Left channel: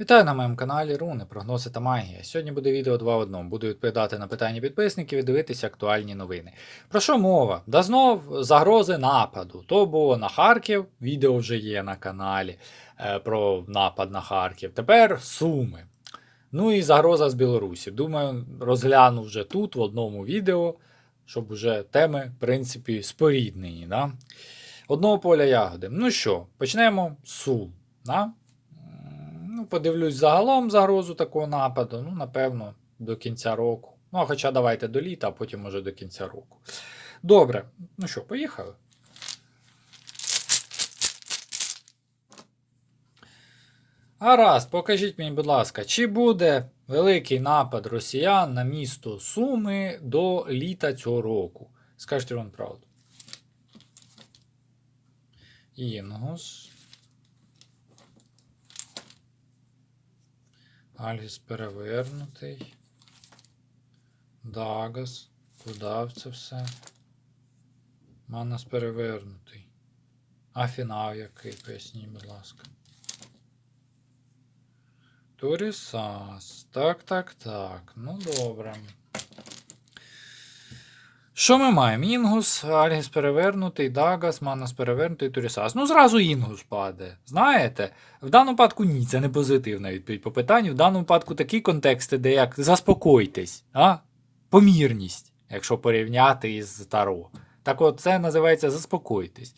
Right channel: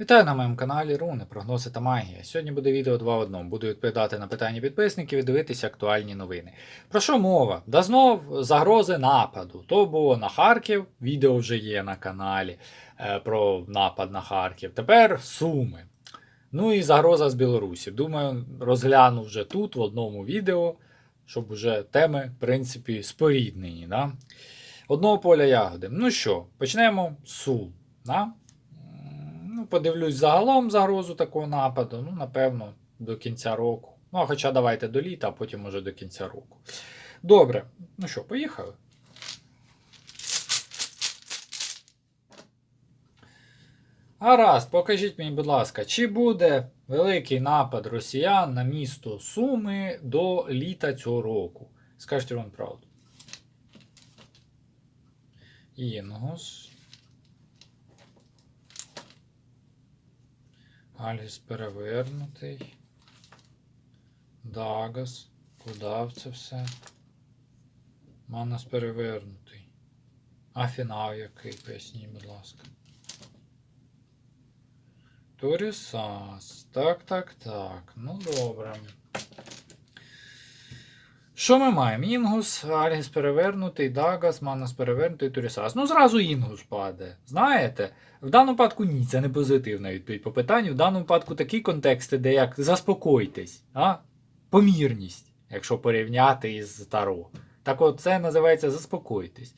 Вітаю на моєму каналі Руни, прогнози та магія. Сьогодні буде відео 2 в одному. Буду відповідати на питання підписників і дивитися актуальні новини. Про що мова? Да знов загрози нападу. То було на Харків, відео вже є на каналі е, про напад на Харків. Тепер Суми. Ну і загроза з Білорусі. Думаю, розгляну вже тут, в одному відео, щоб вже теми, в принципі, споріднені. Да? Одного поля ягоди. Ну що, почнемо з Сум. Да? Подивлюсь загалом загрозу такого нападу. Ну, напевно, до кінця року. Ну, а хоча давайте до літа, а потім може до кінця року. Добре. Ну що, поїхали. Гаразд, покажіть мені, будь ласка, чи буде великий напад росіян на місто Суми до літа цього року? Скажіть вам правду. Інгус. Альгіс перевернутий. Дагас. Куда це все? Манас перевернутий. А фінал який? Поясніть, будь ласка. Турісас. Так, так, так. Ну добре. Що ми маємо? Інгус, Альгіс перевернутий, Дагас, Манас перевернутий, Турісас. Ну, зразу Інгус паде. Знаєте? В даному випадку ні, це не позитивна відповідь по питанню. В даному випадку такі контексти, де як заспокойтесь, а? помірність, якщо порівняти із Таро. Так от це називається заспокойтесь.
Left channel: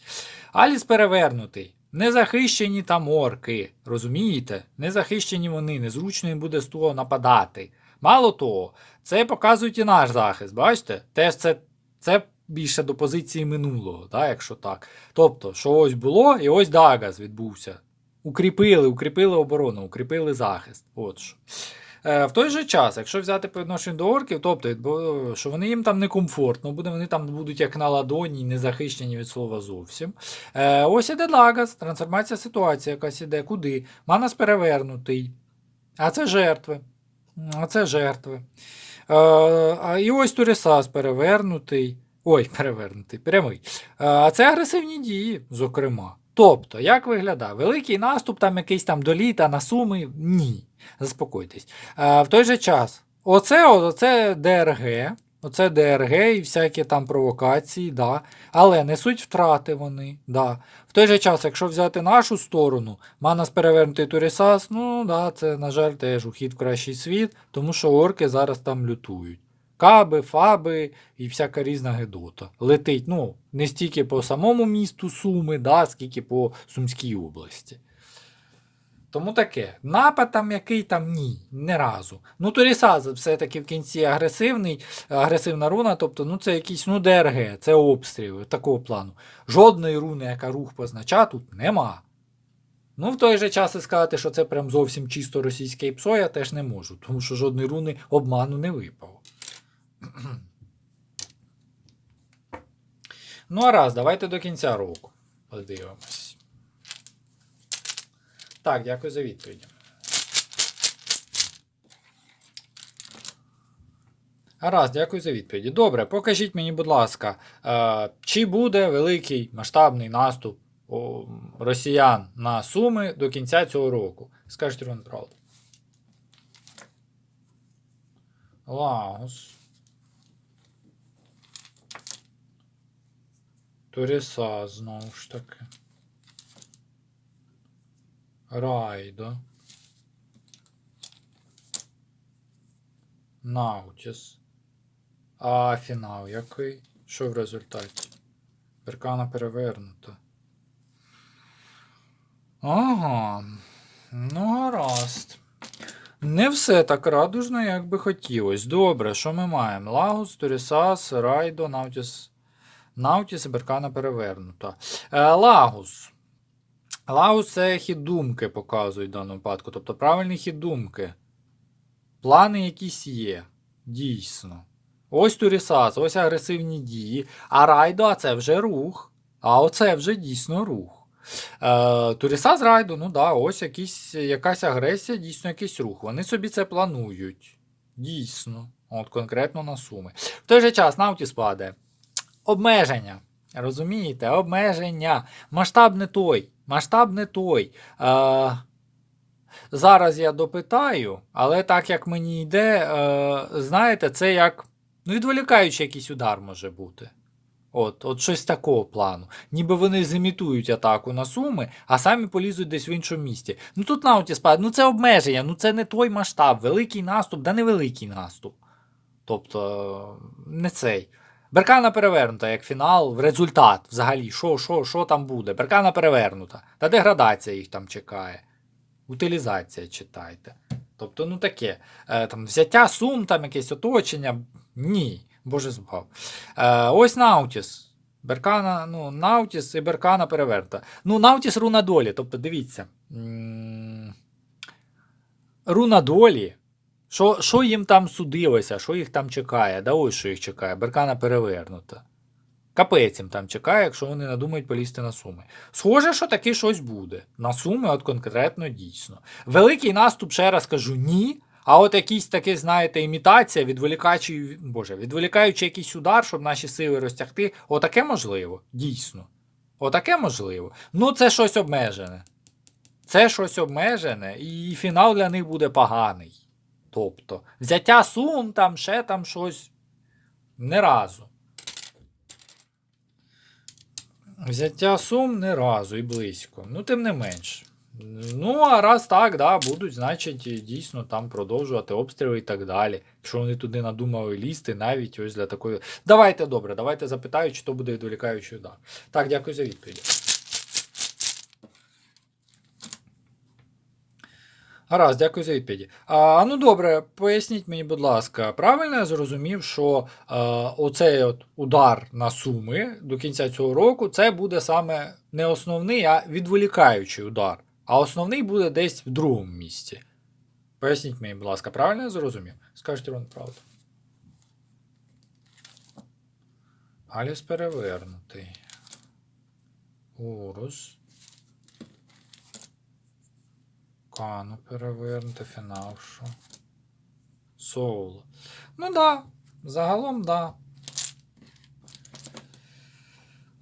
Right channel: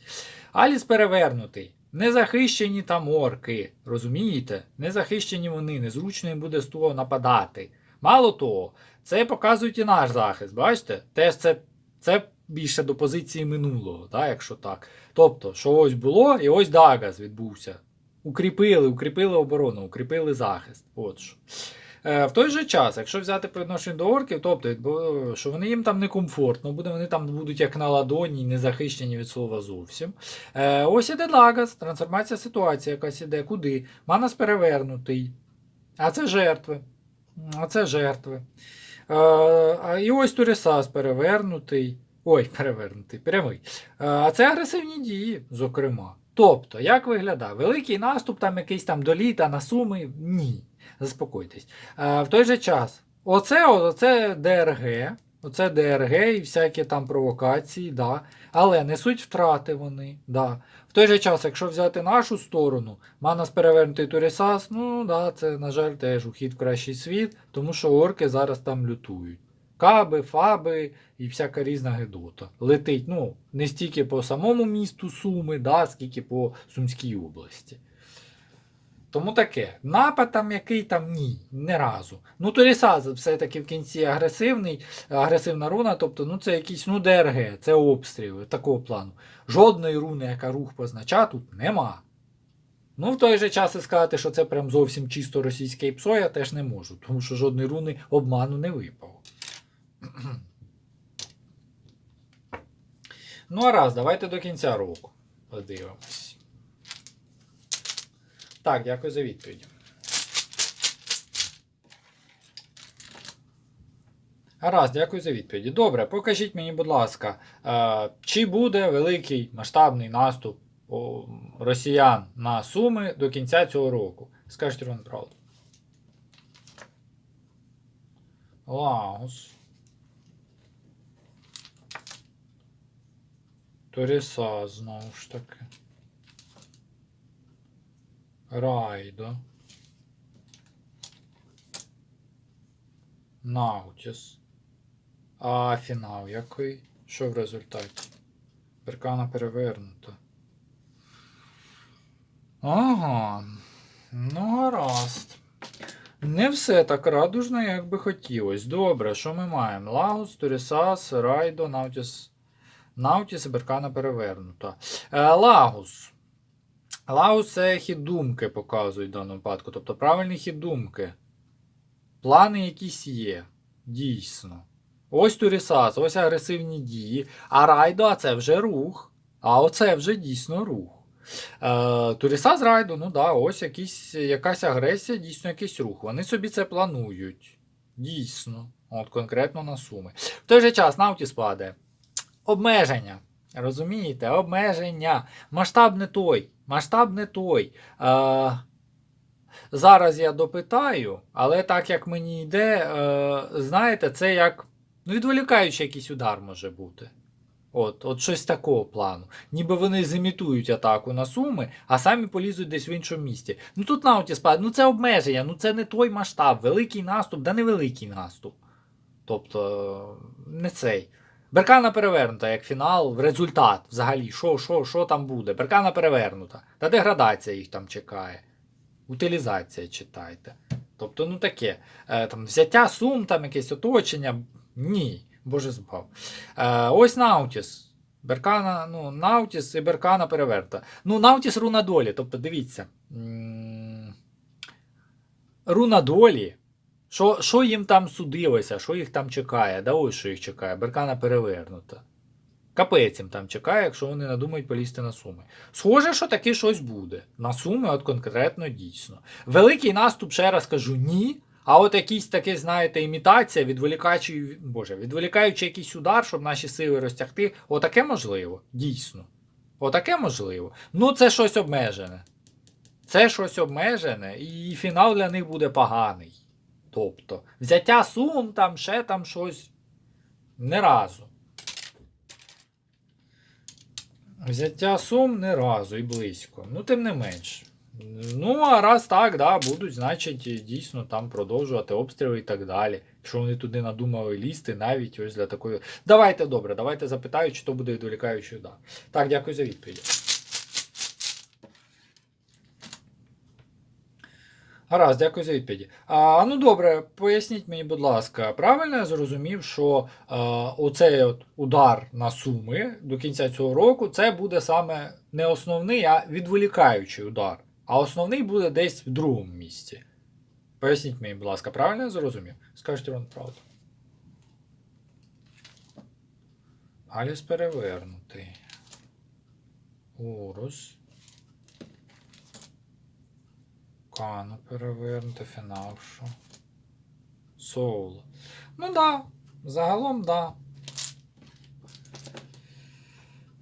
Аліс перевернутий. Незахищені там орки, розумієте? Незахищені вони, незручно їм буде з того нападати. Мало того, це показують і наш захист, бачите? Теж це, це більше до позиції минулого, да, якщо так. Тобто, що ось було, і ось Дагас відбувся. Укріпили, укріпили оборону, укріпили захист. От що. Е, в той же час, якщо взяти по відношенню до орків, тобто, що вони їм там некомфортно, буде, вони там будуть як на ладоні, не захищені від слова зовсім. Е, ось іде Лагас, трансформація ситуації якась іде. Куди? Манас перевернутий. А це жертви. А це жертви. А і ось Турісас перевернутий. Ой, перевернутий, прямий. А це агресивні дії, зокрема. Тобто, як виглядає? Великий наступ, там якийсь там до літа на суми? Ні. Заспокойтесь. Е, в той же час, оце, оце ДРГ, оце ДРГ і всякі там провокації, да. але несуть втрати вони. Да. В той же час, якщо взяти нашу сторону, Манас перевернутий Турісас, ну да, це, на жаль, теж ухід в кращий світ, тому що орки зараз там лютують. Каби, фаби і всяка різна гедота. Летить, ну, не стільки по самому місту Суми, да, скільки по Сумській області. Тому таке. Напад там який там ні, не разу. Ну, Турісаз все-таки в кінці агресивний, агресивна руна, тобто ну, це якийсь ну, ДРГ, це обстріли такого плану. Жодної руни, яка рух позначає, тут нема. Ну, в той же час і сказати, що це прям зовсім чисто російське ПСО, я теж не можу, тому що жодної руни обману не випало. Ну, а раз, давайте до кінця року подивимось. Так, дякую за відповідь. Гаразд, дякую за відповіді. Добре, покажіть мені, будь ласка, е, чи буде великий масштабний наступ росіян на Суми до кінця цього року? Скажіть вам правду. Лаос. Торіса знову ж таки. Райдо. Наутіс. А фінал який? Що в результаті? Беркана перевернута. Ага. Ну, гаразд. Не все так радужно, як би хотілося. Добре, що ми маємо? Лагус, Торісас, Райдо, Наутіс. Наутіс і Беркана перевернута. Е, Лагус. Лагус це хід думки показують в даному випадку. Тобто правильний хід думки. Плани якісь є. Дійсно. Ось Турісас, ось агресивні дії. А Райдо, а це вже рух. А оце вже дійсно рух. Е, Турісас Райдо, ну да, ось якісь, якась агресія, дійсно якийсь рух. Вони собі це планують. Дійсно. От конкретно на суми. В той же час Наутіс падає. Обмеження. Розумієте? Обмеження. Масштаб не той. Масштаб не той. Е, Зараз я допитаю, але так як мені йде, е, знаєте, це як ну, відволікаючий якийсь удар може бути. От, от щось такого плану. Ніби вони зімітують атаку на суми, а самі полізуть десь в іншому місті. Ну тут Наутіс падає, ну це обмеження, ну це не той масштаб. Великий наступ, да не великий наступ. Тобто, не цей. Беркана перевернута як фінал, в результат взагалі, що, що, що там буде? Беркана перевернута. Та деградація їх там чекає. Утилізація читайте. Тобто, ну таке. Е, там, взяття сум, там якесь оточення. Ні, боже збав. Е, ось Наутіс. Беркана, ну, Наутіс і Беркана перевернута. Ну, Наутіс руна долі. Тобто, дивіться. Руна долі. Що, що їм там судилося, що їх там чекає? Да ось що їх чекає. Беркана перевернута. Капець їм там чекає, якщо вони надумають полізти на суми. Схоже, що таки щось буде. На суми, от конкретно дійсно. Великий наступ, ще раз кажу, ні. А от якийсь такий, знаєте, імітація, відволікаючий, боже, відволікаючи якийсь удар, щоб наші сили розтягти, отаке можливо, дійсно. Отаке можливо. Ну, це щось обмежене. Це щось обмежене, і фінал для них буде поганий. Тобто, взяття сум, там ще там щось. Не разу. Взяття сум не разу і близько. Ну, тим не менш. Ну, а раз так, да, будуть, значить, дійсно там продовжувати обстріли і так далі. Якщо вони туди надумали лізти, навіть ось для такої. Давайте добре, давайте запитаю, чи то буде відволікаючий удар. Так, дякую за відповідь. Гаразд, дякую за відповіді. А, ну добре, поясніть мені, будь ласка, правильно я зрозумів, що е, оцей от удар на суми до кінця цього року це буде саме не основний, а відволікаючий удар. А основний буде десь в другому місці. Поясніть мені, будь ласка, правильно я зрозумів? Скажіть вам правду. Аліс перевернутий. Урус. Кану перевернути, фінавшу. Соул. Ну да, загалом да.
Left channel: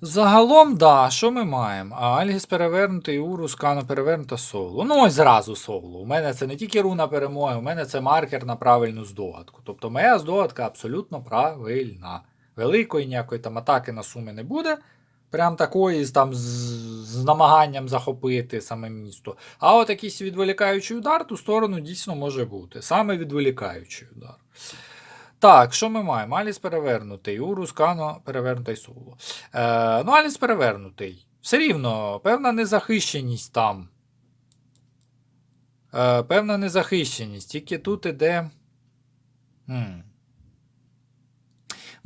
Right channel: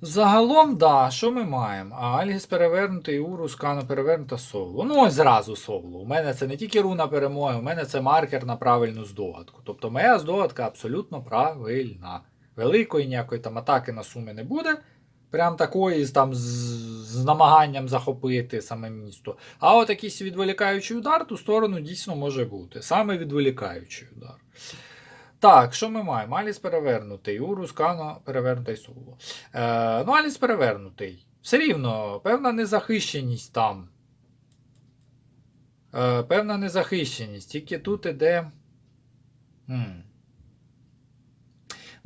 Загалом, да, що ми маємо? А Альгіс перевернутий, Урус, Кано перевернута соло. Ну, ось зразу соло. У мене це не тільки руна перемоги, у мене це маркер на правильну здогадку. Тобто моя здогадка абсолютно правильна. Великої ніякої там атаки на суми не буде. Прям такої там з, з намаганням захопити саме місто. А от якийсь відволікаючий удар, ту сторону дійсно може бути. Саме відволікаючий удар. Так, що ми маємо? Аліс перевернутий, Урус, Кано перевернутий соло. Е, ну, Аліс перевернутий. Все рівно, певна незахищеність там. Е, певна незахищеність. Тільки тут іде. М.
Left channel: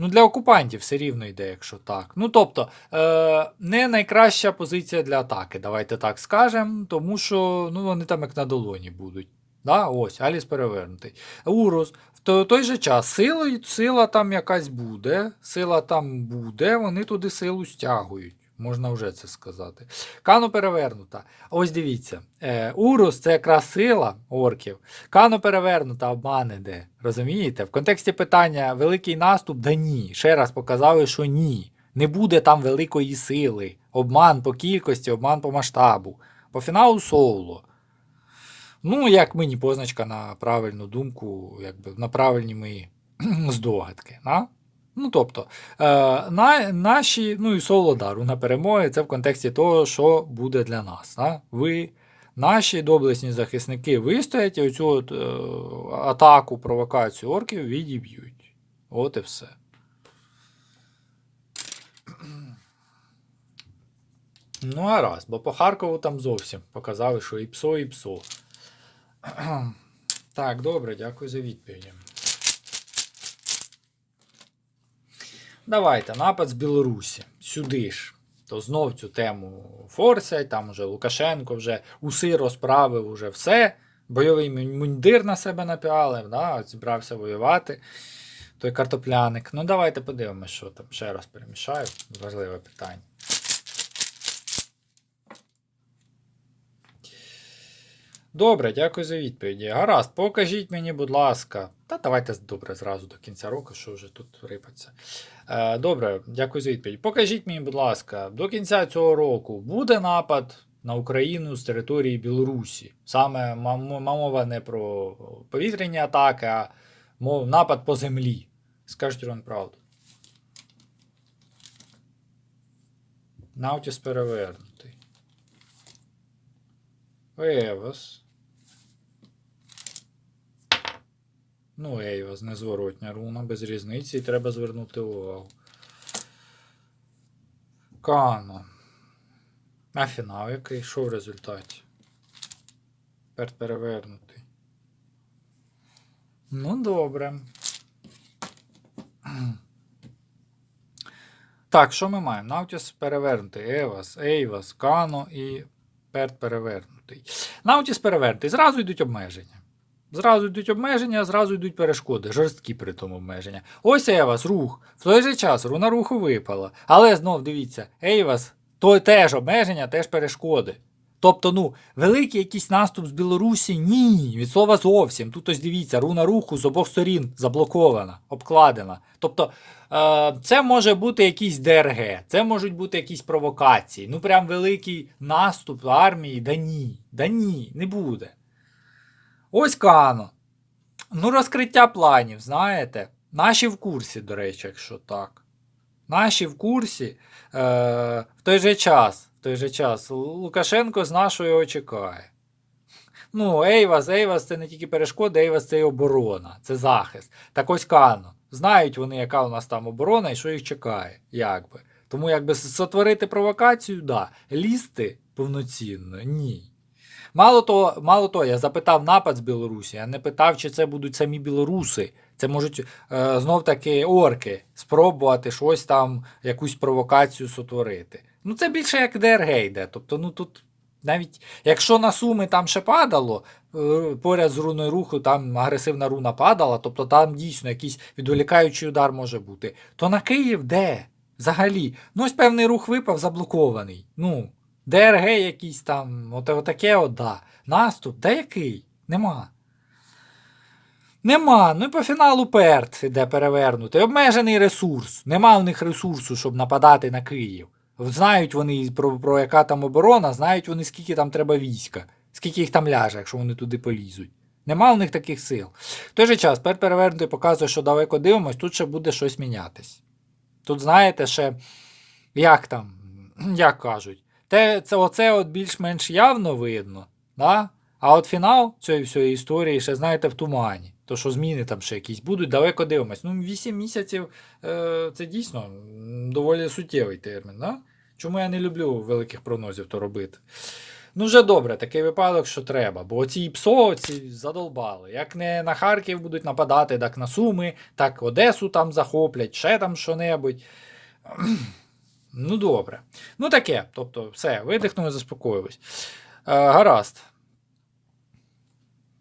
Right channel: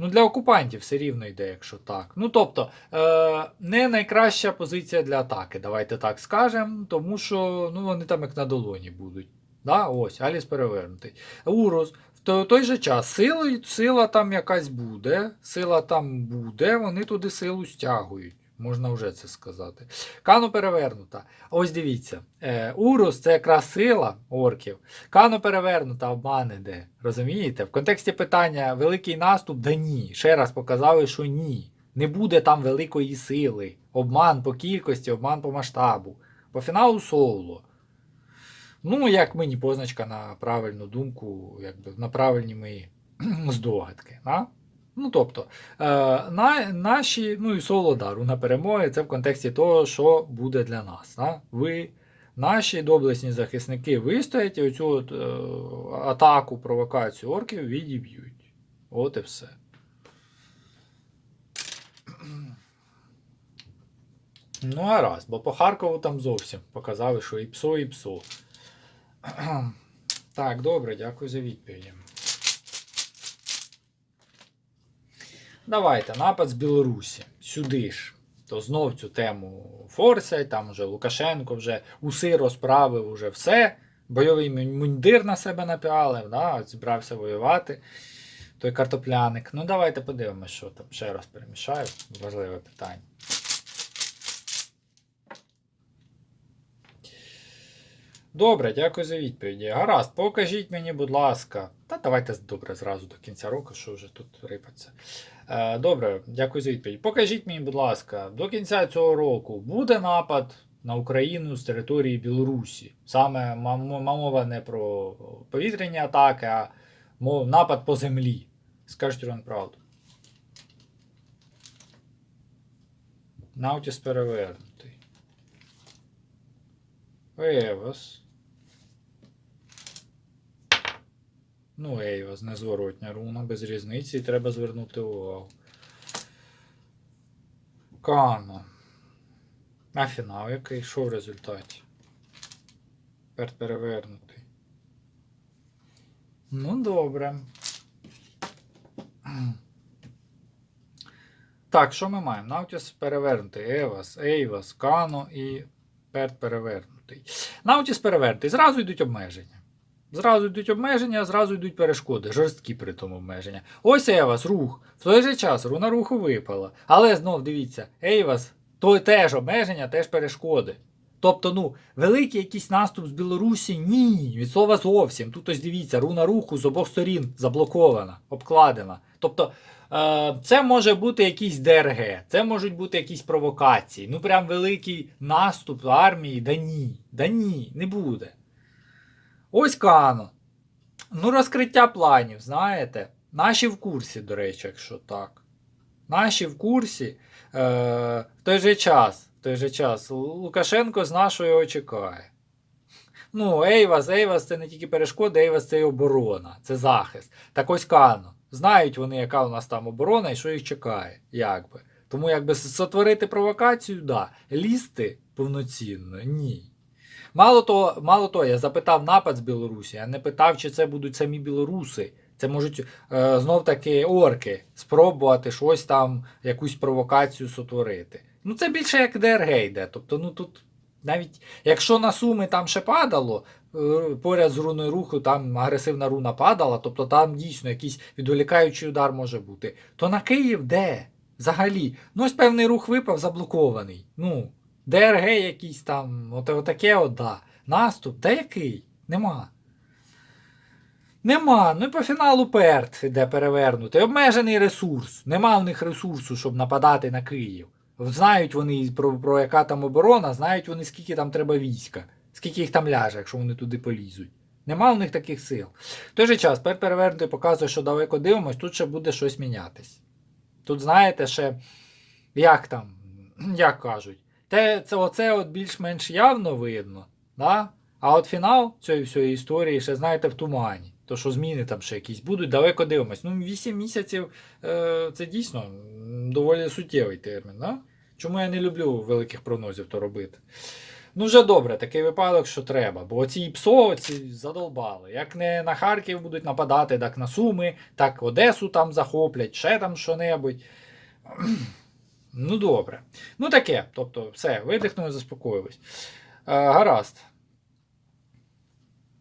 Ну, для окупантів все рівно йде, якщо так. Ну, тобто, е, не найкраща позиція для атаки, давайте так скажемо, тому що ну, вони там як на долоні будуть. Да? Ось, Аліс перевернутий. Урус. В той, же час сила, сила там якась буде, сила там буде, вони туди силу стягують. Можна вже це сказати. Кано перевернута. Ось дивіться. Е, Урус це якраз сила орків. Кано перевернута, обман іде. Розумієте? В контексті питання великий наступ, да ні. Ще раз показали, що ні. Не буде там великої сили. Обман по кількості, обман по масштабу. По фіналу соло. Ну, як мені позначка на правильну думку, якби на правильні мої здогадки. Да? Ну, тобто, е, на, наші, ну і соло дару на перемоги, це в контексті того, що буде для нас. Да? Ви, наші доблесні захисники вистоять і оцю от, е, атаку, провокацію орків відіб'ють. От і все. Ну, а раз, бо по Харкову там зовсім показали, що і псо, і псо. Так, добре, дякую за відповіді. Давайте, напад з Білорусі. Сюди ж. То знов цю тему форсять, там вже Лукашенко вже уси розправив, уже все. Бойовий мундир на себе напялив, да, зібрався воювати. Той картопляник. Ну, давайте подивимось, що там. Ще раз перемішаю. Важливе питання. Добре, дякую за відповіді. Гаразд, покажіть мені, будь ласка. Та давайте добре зразу до кінця року, що вже тут рипаться. Е, добре, дякую за відповідь. Покажіть мені, будь ласка, до кінця цього року буде напад на Україну з території Білорусі. Саме мова не про повітряні атаки, а мов напад по землі. Скажіть вам правду. Наутіс перевернутий. Евас. Ну, Ейвас, незворотня руна, без різниці, треба звернути увагу. Кано. А фінал який? Що в результаті? Тепер перевернутий. Ну, добре. Так, що ми маємо? Наутіс перевернутий, Евас, Ейвас, Кано і Перт перевернутий. Наутіс перевернутий. Зразу йдуть обмеження. Зразу йдуть обмеження, зразу йдуть перешкоди, жорсткі при тому обмеження. Ось Евас, рух. В той же час руна руху випала. Але знов дивіться, Ейвас, то теж обмеження, теж перешкоди. Тобто, ну, великий якийсь наступ з Білорусі ні, від слова зовсім. Тут ось дивіться, руна руху з обох сторін заблокована, обкладена. Тобто, е, це може бути якийсь ДРГ, це можуть бути якісь провокації. Ну, прям великий наступ армії, да ні, да ні, не буде. Ось Кано. Ну, розкриття планів, знаєте. Наші в курсі, до речі, якщо так. Наші в курсі. Е, в той же час, в той же час Лукашенко з нашого його чекає. Ну, Ейвас, Ейвас це не тільки перешкода, Ейвас це і оборона, це захист. Так ось Кано. Знають вони, яка у нас там оборона і що їх чекає. Якби. Тому якби сотворити провокацію, да. Лізти повноцінно, ні. Мало того, мало того, я запитав напад з Білорусі, я не питав, чи це будуть самі білоруси. Це можуть е, знов таки орки спробувати щось там, якусь провокацію сотворити. Ну це більше як ДРГ йде. Тобто, ну тут навіть якщо на суми там ще падало, е, поряд з руною руху там агресивна руна падала, тобто там дійсно якийсь відволікаючий удар може бути, то на Київ де? Взагалі, ну ось певний рух випав заблокований. Ну, ДРГ якийсь там, от, отаке от, да. Наступ, да який? Нема. Нема. Ну і по фіналу Перт іде перевернутий. Обмежений ресурс. Нема у них ресурсу, щоб нападати на Київ. Знають вони про, про яка там оборона, знають вони, скільки там треба війська, скільки їх там ляже, якщо вони туди полізуть. Нема у них таких сил. В той же час, Перт перевернутий показує, що далеко дивимось, тут ще буде щось мінятись. Тут, знаєте, ще, як там, як кажуть, те, це оце от більш-менш явно видно. Да? А от фінал цієї всієї історії ще, знаєте, в тумані. То, що зміни там ще якісь будуть, далеко дивимось. Ну, 8 місяців е, це дійсно доволі суттєвий термін. Да? Чому я не люблю великих прогнозів то робити? Ну, вже добре, такий випадок, що треба. Бо ці ПСО ці задолбали. Як не на Харків будуть нападати, так на Суми, так Одесу там захоплять, ще там що-небудь. Ну, добре. Ну, таке. Тобто, все, видихнули, заспокоїлись. Е, гаразд.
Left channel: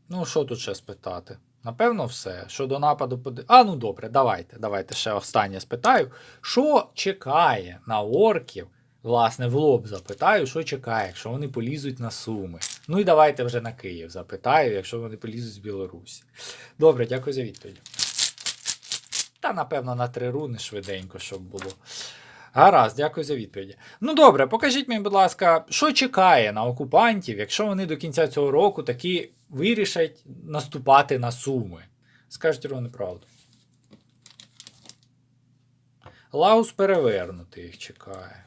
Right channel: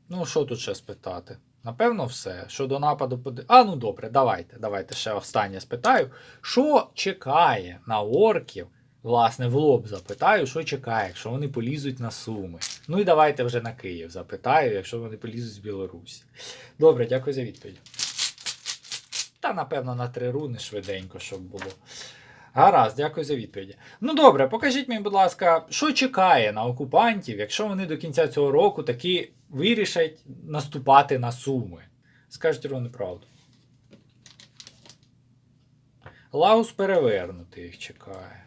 Ну, що тут ще спитати? Напевно, все. Щодо нападу поди... А, ну добре, давайте. Давайте ще останнє спитаю. Що чекає на орків? Власне, в лоб запитаю, що чекає, якщо вони полізуть на Суми. Ну і давайте вже на Київ запитаю, якщо вони полізуть з Білорусі. Добре, дякую за відповідь. Та, напевно, на три руни швиденько, щоб було. Гаразд, дякую за відповіді. Ну добре, покажіть мені, будь ласка, що чекає на окупантів, якщо вони до кінця цього року таки вирішать наступати на Суми. Скажіть ровно правду. Лагус перевернутий їх чекає.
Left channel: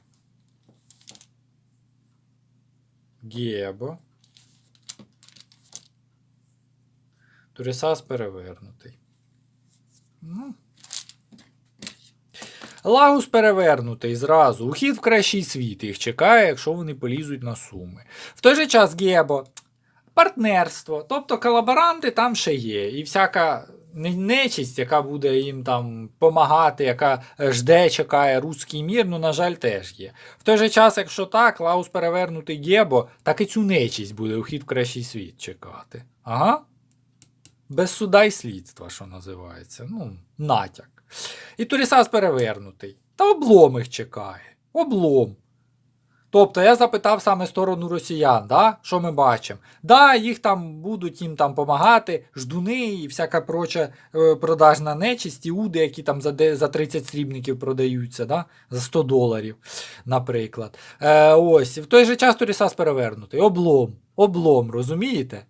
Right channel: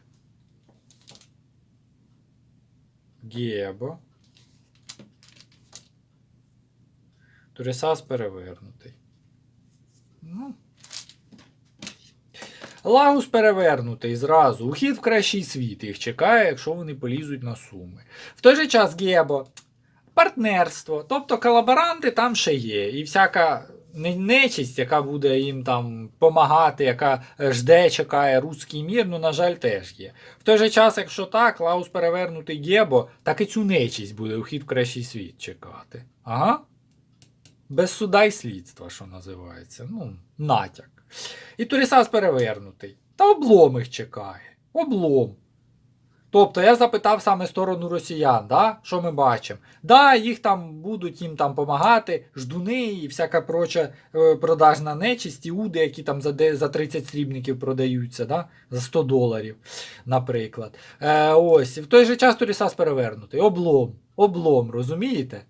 Гєбо. Турісас перевернутий. Ну. Лагус перевернутий зразу. Ухід в кращий світ їх чекає, якщо вони полізуть на суми. В той же час Гебо. Партнерство. Тобто колаборанти там ще є. І всяка не- нечисть, яка буде їм там помагати, яка жде, чекає руський мір, ну, на жаль, теж є. В той же час, якщо так, Лаус перевернутий Гебо, так і цю нечисть буде ухід в кращий світ чекати. Ага. Без суда й слідства, що називається. Ну, натяк. І Турісас перевернутий. Та облом їх чекає. Облом. Тобто я запитав саме сторону росіян, да? що ми бачимо. Да, їх там будуть їм там допомагати, ждуни і всяка проча е, продажна нечисть, іуди, які там за, за 30 срібників продаються, да? за 100 доларів, наприклад. Е, ось, і в той же час Торісас перевернутий. Облом. Облом, розумієте?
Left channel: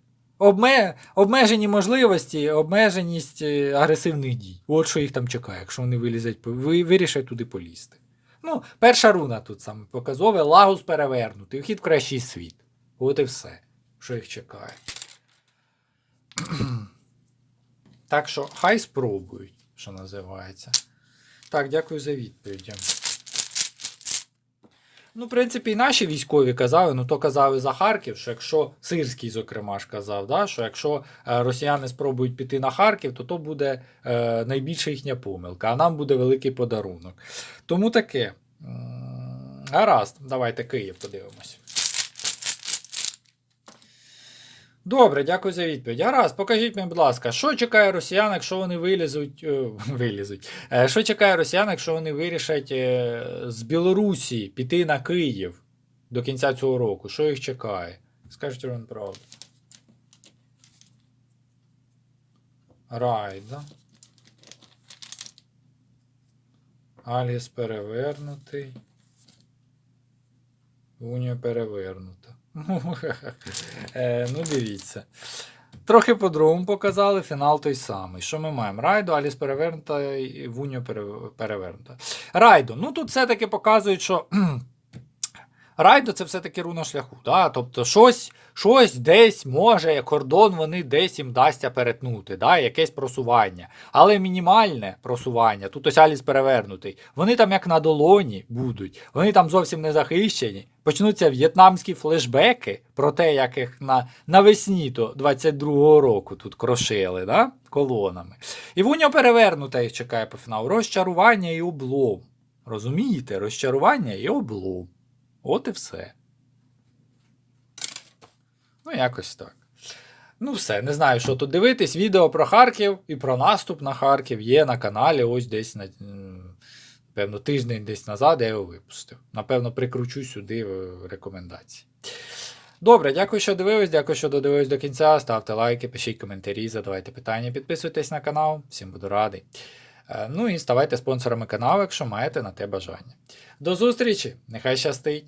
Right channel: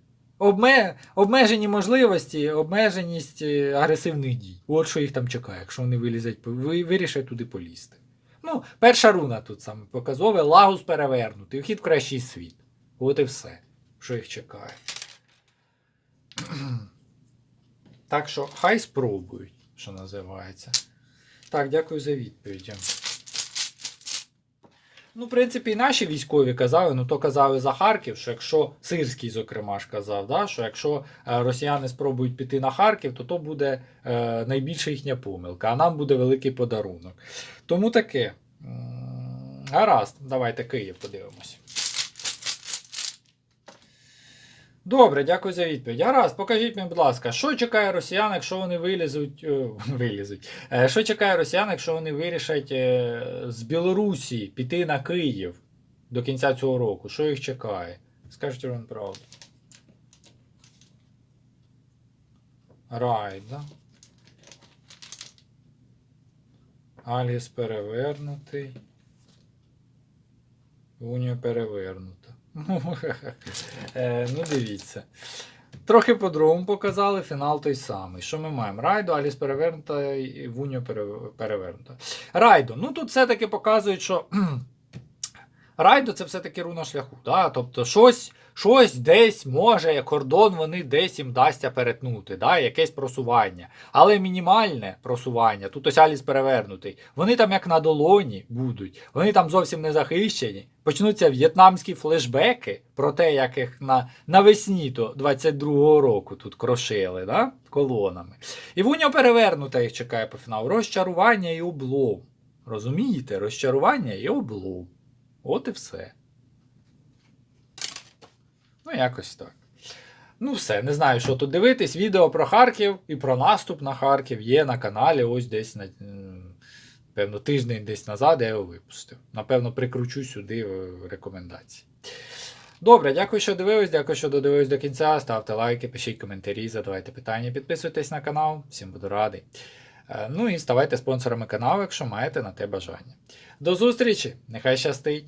Обме... Обмежені можливості, обмеженість е, агресивних дій. От що їх там чекає, якщо вони вилізуть, по- ви, вирішать туди полізти. Ну, перша руна тут саме показове, лагус перевернутий, вхід в кращий світ. От і все, що їх чекає. так що хай спробують, що називається. Так, дякую за відповідь. Ну, в принципі, і наші військові казали, ну то казали за Харків, що якщо Сирський, зокрема ж казав, да, що якщо е, росіяни спробують піти на Харків, то то буде е, найбільша їхня помилка, а нам буде великий подарунок. Тому таке. Гаразд, давайте Київ подивимось. Добре, дякую за відповідь. Гаразд, покажіть мені, будь ласка, що чекає росіян, якщо вони вилізуть. е, вилізуть. Е, Що чекає росіян, якщо вони вирішать е, з Білорусі піти на Київ до кінця цього року? Що їх чекає? Скажіть вам правду. Райд, да? Альгіс перевернутий. Унія перевернута. Е, ну, дивіться. Трохи по-другому показали, фінал той самий. Що ми маємо? Райдо, Аліс перевернута і Вуньо перевернута. Райдо. Ну тут все-таки показують, що Райдо це все-таки руна шляху. Да? Тобто щось, щось десь може, кордон вони десь їм дасться перетнути, да? якесь просування. Але мінімальне просування, тут ось Аліс перевернутий, вони там як на долоні будуть, вони там зовсім не захищені. Почнуться в'єтнамські флешбеки про те, як їх на, навесні то 22-го року тут крошили, да? колонами. І Вуня перевернута їх чекає по фіналу. Розчарування і облом. Розумієте? Розчарування і облом. От і все. Ну, якось так. Ну, все, не знаю, що тут дивитись. Відео про Харків і про наступ на Харків є на каналі. Ось десь на. Певно, тиждень десь назад я його випустив. Напевно, прикручу сюди рекомендації. Добре, дякую, що дивились, дякую, що додивились до кінця. Ставте лайки, пишіть коментарі, задавайте питання, підписуйтесь на канал, всім буду радий. Е, Ну і ставайте спонсорами каналу, якщо маєте на те бажання. До зустрічі! Нехай щастить!